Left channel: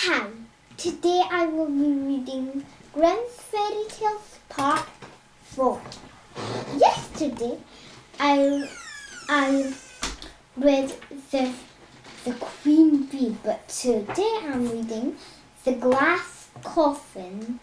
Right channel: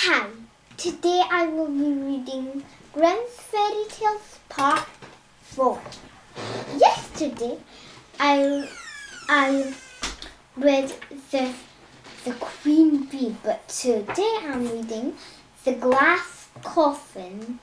Hi, today I will be reading Grimm's Fairy Tales Part 4. Yesterday I read the Queen Bee, but today I'm reading The Glass Coffin.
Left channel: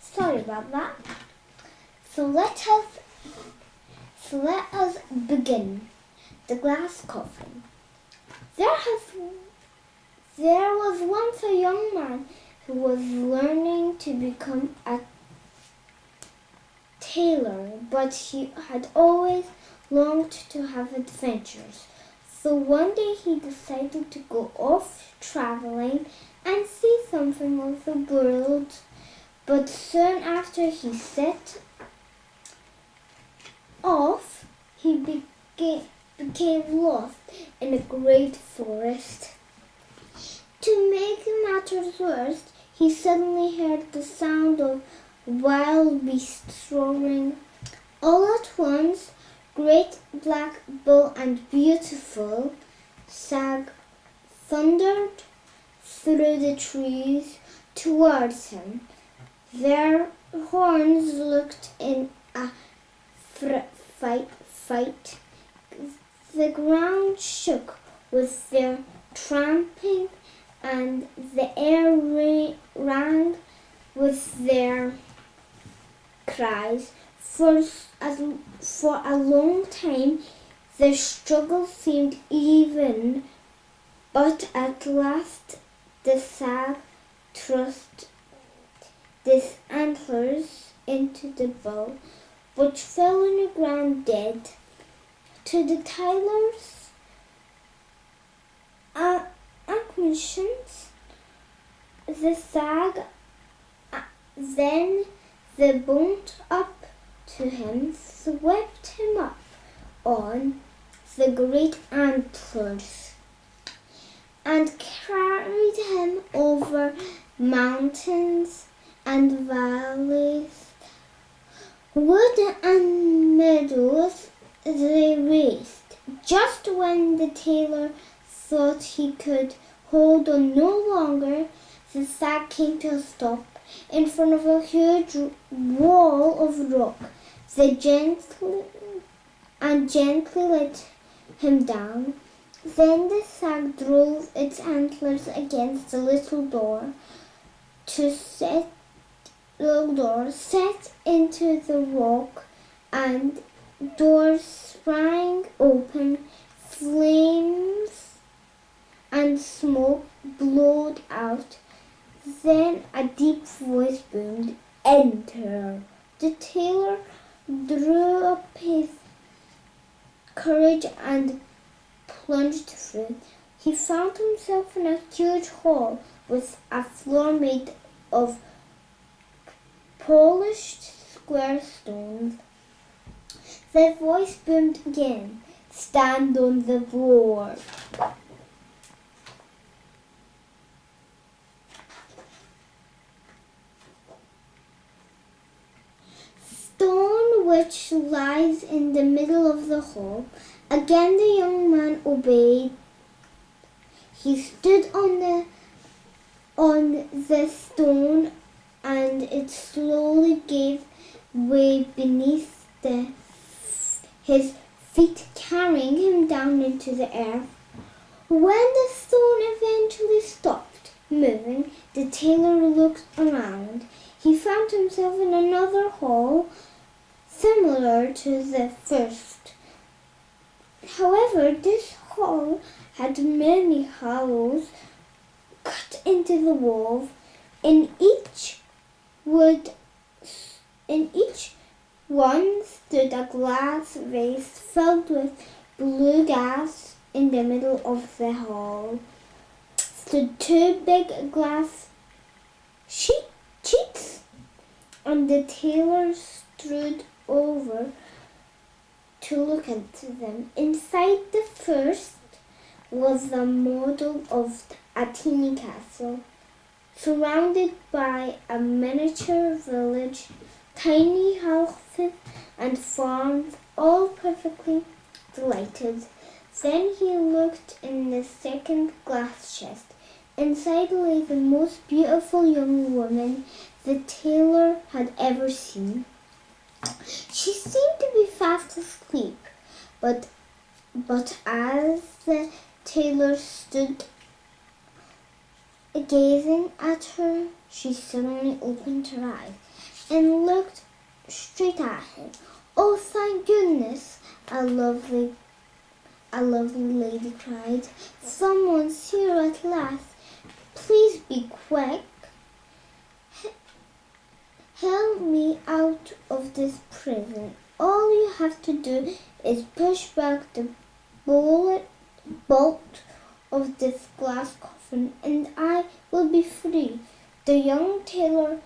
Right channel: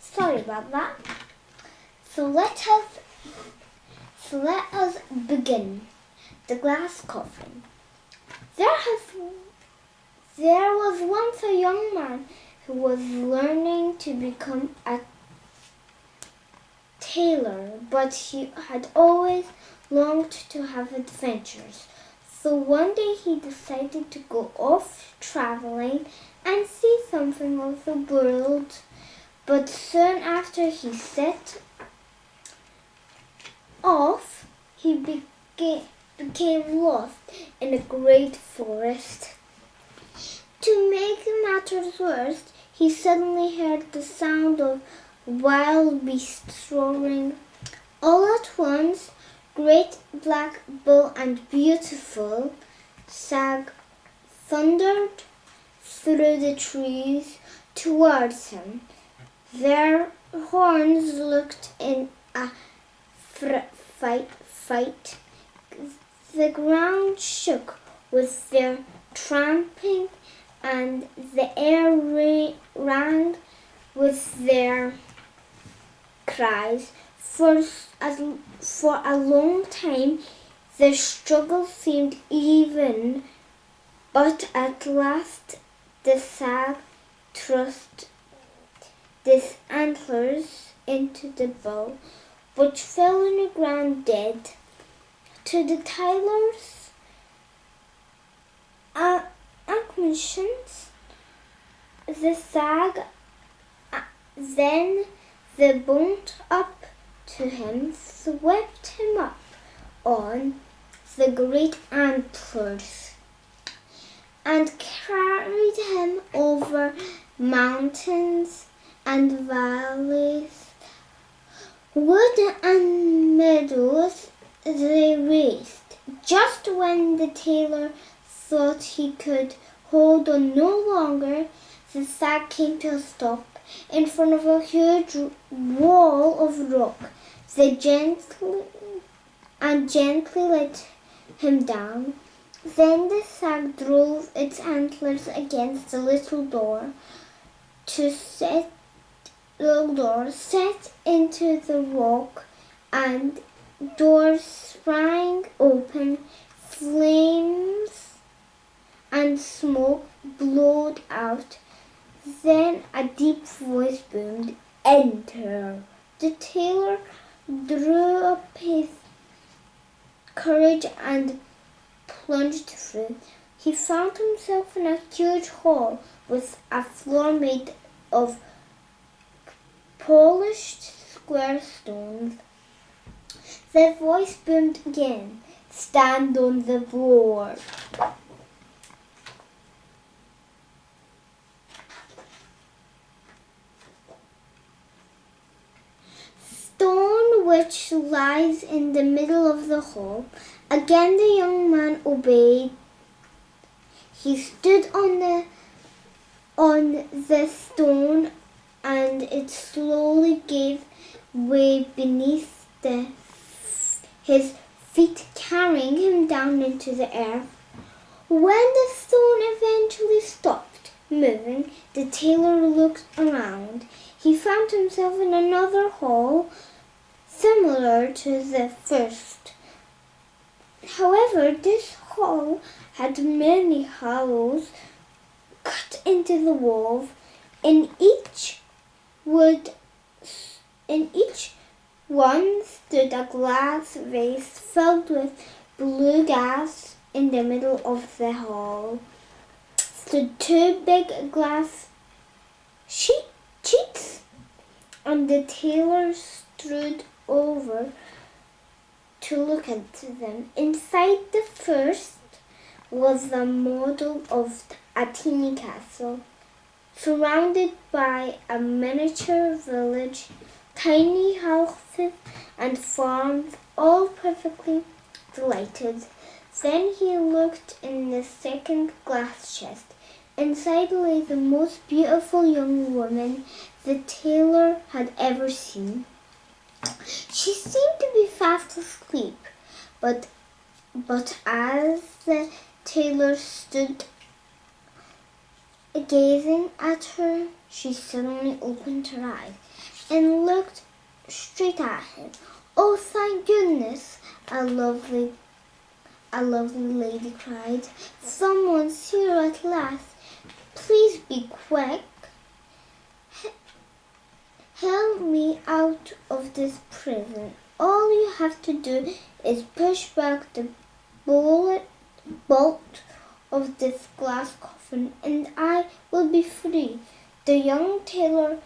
Sorry about that. So let us begin. The Glass Coffin. There was once a young man who was learning to become a tailor, but he had always longed to have adventures. So one day he decided to go off traveling and see something of the world. But soon after he set off, he became lost in a great forest. To make matters worse, he suddenly heard the sound of wild beasts roaring. All at once, Great Black Bull and Beautiful Stag thundered through the trees towards him. Their horns looked in a fight. The ground shook with their tramping, and the air rang with their cries. For a long time, the struggle seemed even, but at last the stag thrust his antlers into the bull, which fell on the ground dead. To the tailor's acclamations, the stag then bumped up to him, swept him up on the great antlers, and carried him over mountains and valleys, wood and meadows. They raced. Just when the tailor thought he could hold on no longer, the stag came to a stop in front of a huge wall of rock. They gently let him down. Then the stag drove its antlers against the little door set into the rock, and doors sprang open. Flames and smoke blowed out. Then a deep voice boomed, "Enter!" The tailor drew up his courage and plunged through. He found himself in a huge hall with a floor made of polished square stones. The voice boomed again, "Stand on the floor." Stone which lies in the middle of the hall. Again the young man obeyed. He stood on the stone, and it slowly gave way beneath his feet, carrying him down into the earth. When the stone eventually stopped moving, the tailor looked around. He found himself in another hall similar to the first. However, this hall had many hollows cut into the wall. In each one stood a glass vase filled with blue gas. In the middle of the hall stood two big glass sheets, and the tailor strode over to look into them. Inside the first was the model of a teeny castle, surrounded by a miniature village, tiny houses and farms, all perfectly lighted. Then he looked in the second glass chest. Inside lay the most beautiful young woman the tailor had ever seen. She seemed to be fast asleep, but as the tailor stood gazing at her, she suddenly opened her eyes and looked straight at him. "Oh, thank goodness!" a lovely lady cried. "Someone's here at last. Please be quick. Help me out of this prison. All you have to do is push back the bolt of this glass coffin, and I will be free." The young tailor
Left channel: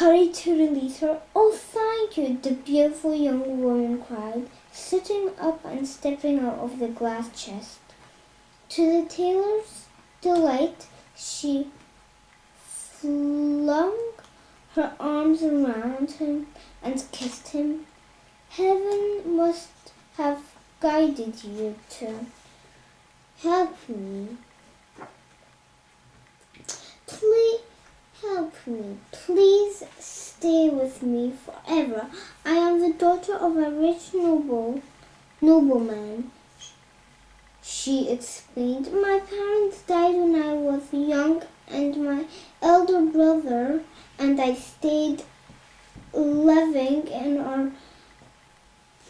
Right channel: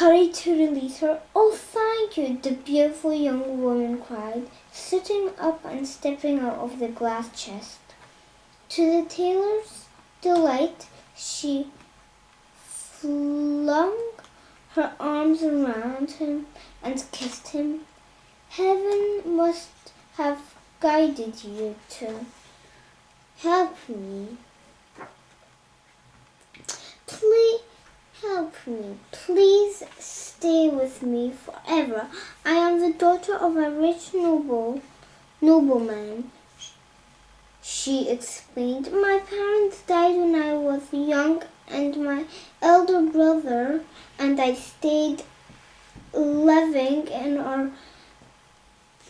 hurried to release her. "Oh, thank you," the beautiful young woman cried, sitting up and stepping out of the glass chest. To the tailor's delight, she flung her arms around him and kissed him. "Heaven must have guided you to help me. Please help me. Please stay with me forever. I am the daughter of a rich nobleman," she explained. "My parents died when I was young, and my elder brother and I stayed living in our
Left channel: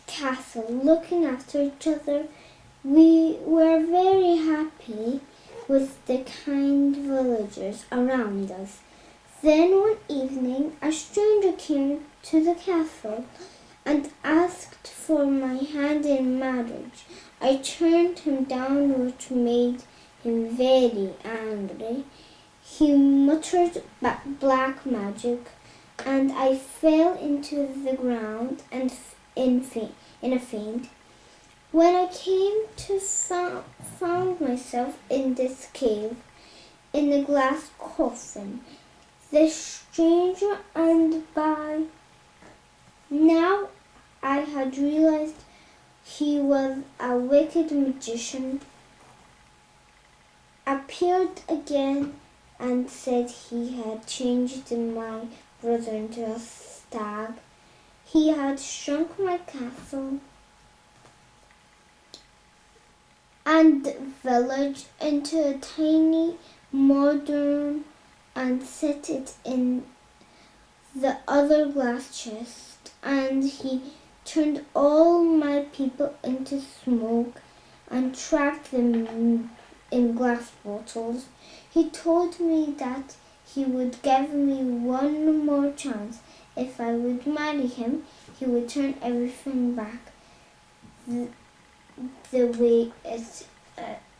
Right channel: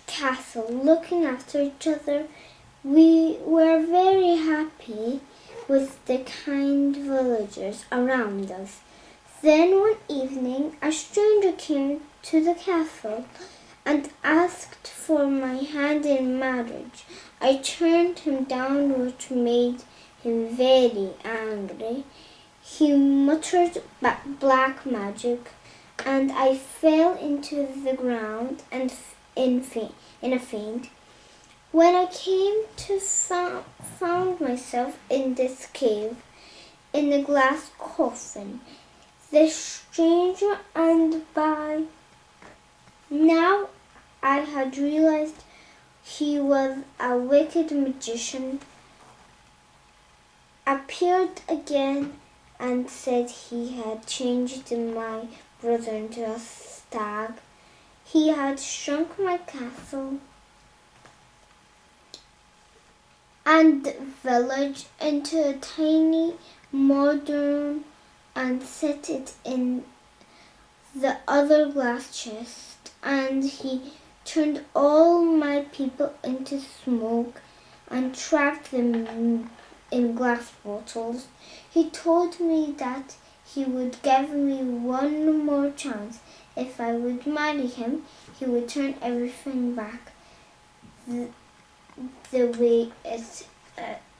castle, looking after each other. We were very happy with the kind villagers around us. Then one evening a stranger came to the castle and asked for my hand in marriage. I turned him down, which made him very angry. He muttered black magic, and I fell into the ground and in a faint. When I came to found myself in this cave, in the glass coffin. The stranger, and by now I had realized he was a wicked magician, appeared again and said he had changed my brother into a stag. He had shrunk my castle and village into a tiny modern and set it in the other glass chest, and he turned all my people into smoke and trapped them in glass bottles. He told me that he would give me one more chance. If I would marry him, he would turn everything back the way it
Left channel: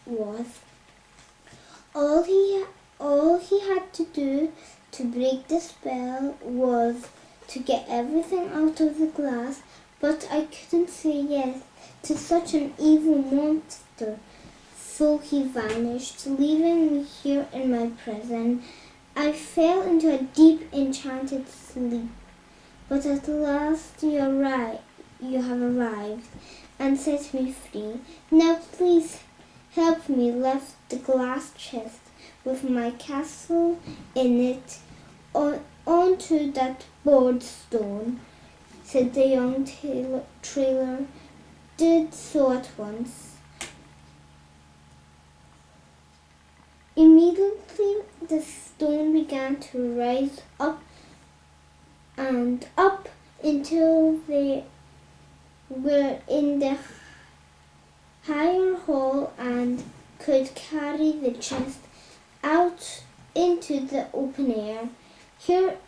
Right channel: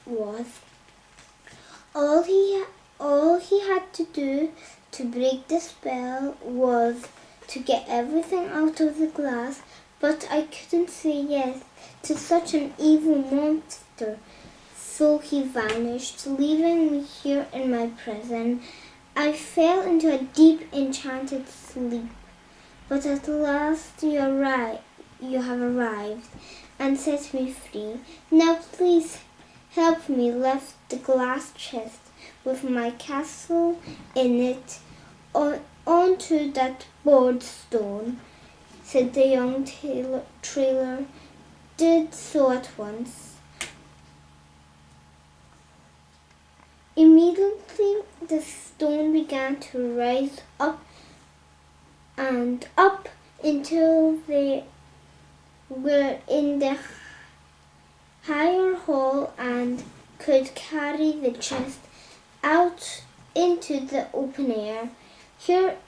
was. All he had to do to break the spell was to get everything out of the glass, but I couldn't say yes to such an evil monster. So he vanished, leaving me here in my prison. I fell into a deep enchanted sleep, but at last you have arrived and set me free. Now please help me lift the glass chest with my castle in it onto that board stone," said the young tailor. Did so at once. Immediately the stone began to rise up and up until they were in the higher hall and could carry the chest out into the open air. Here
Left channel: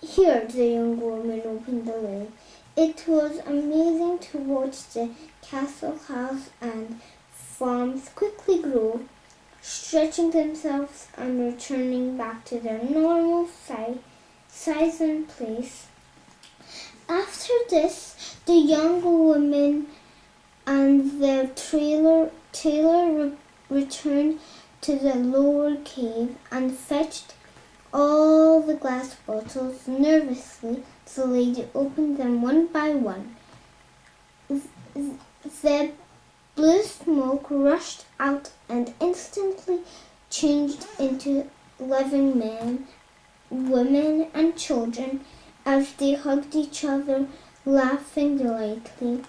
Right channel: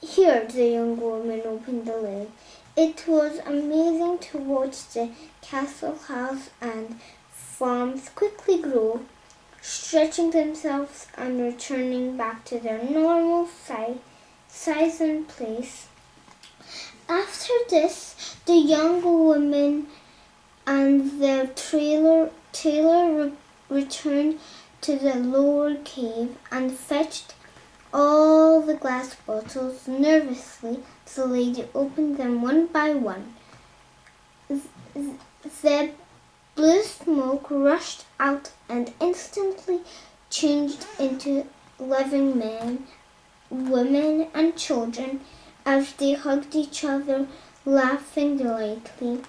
the young woman opened the lid. It was amazing to watch the castle, house, and farms quickly grow, stretching themselves and returning back to their normal size and place. After this, the young woman and the tailor returned to the lower cave and fetched all the glass bottles. Nervously, the lady opened them one by one. The Blue smoke rushed out and instantly changed into living men, women, and children as they hugged each other, laughing delightedly.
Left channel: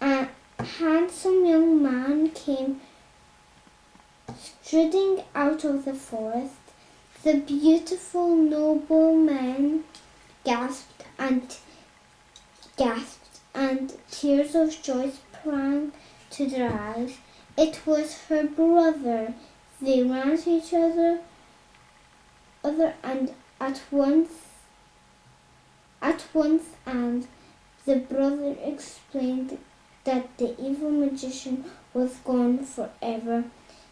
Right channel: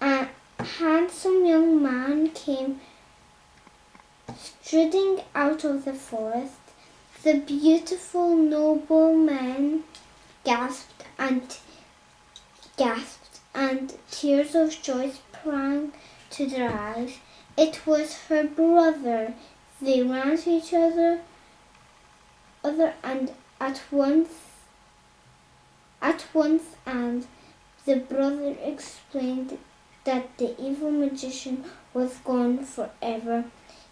A handsome young man came striding out of the forest. The beautiful nobleman gasped, and tears of joy sprang to their eyes. It was her brother. They ran to each other and at once and the brother explained that the evil magician was gone forever.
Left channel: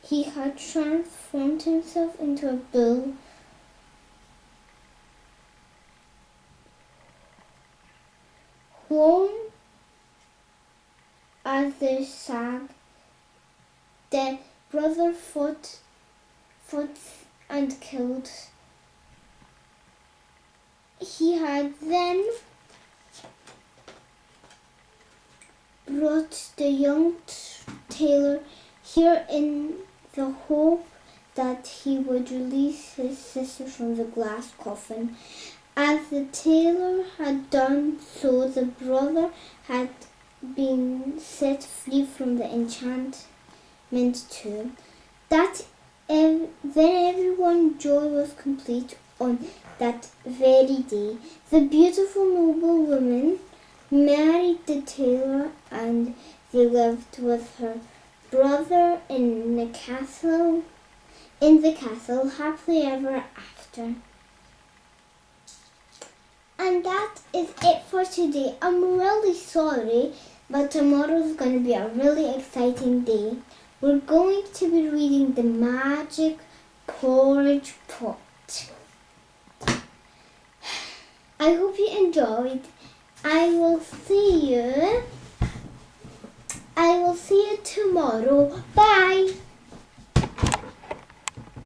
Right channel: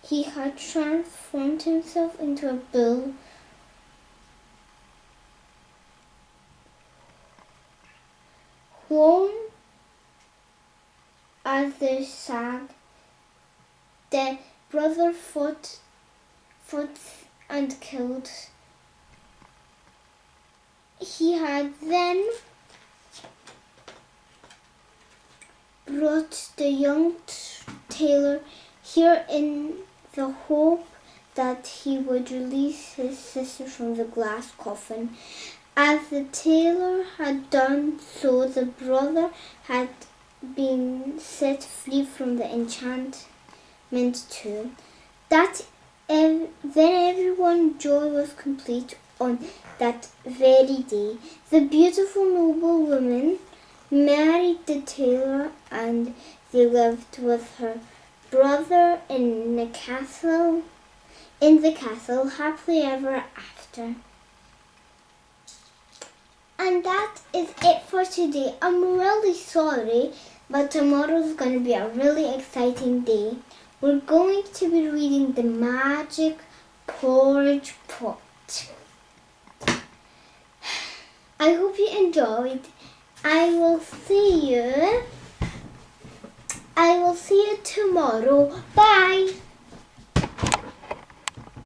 He had transformed himself into a bull. Home as they sang, the brother fought and killed. He had then brought the young tailor here in the hope that he would release his sister from the glass coffin. As the tailor had done so, the brother had been set free from the enchantment too. Then everyone's joy was complete on that very day. The beautiful noblewoman married the tailor, and they lived with her brother in the castle happily ever after. And that is it for today. I'm really sorry, but tomorrow's going to be a really exciting day. We're going to be reading the Magic Porridge Pot. I hope you enjoyed. I will see you tomorrow. Bye.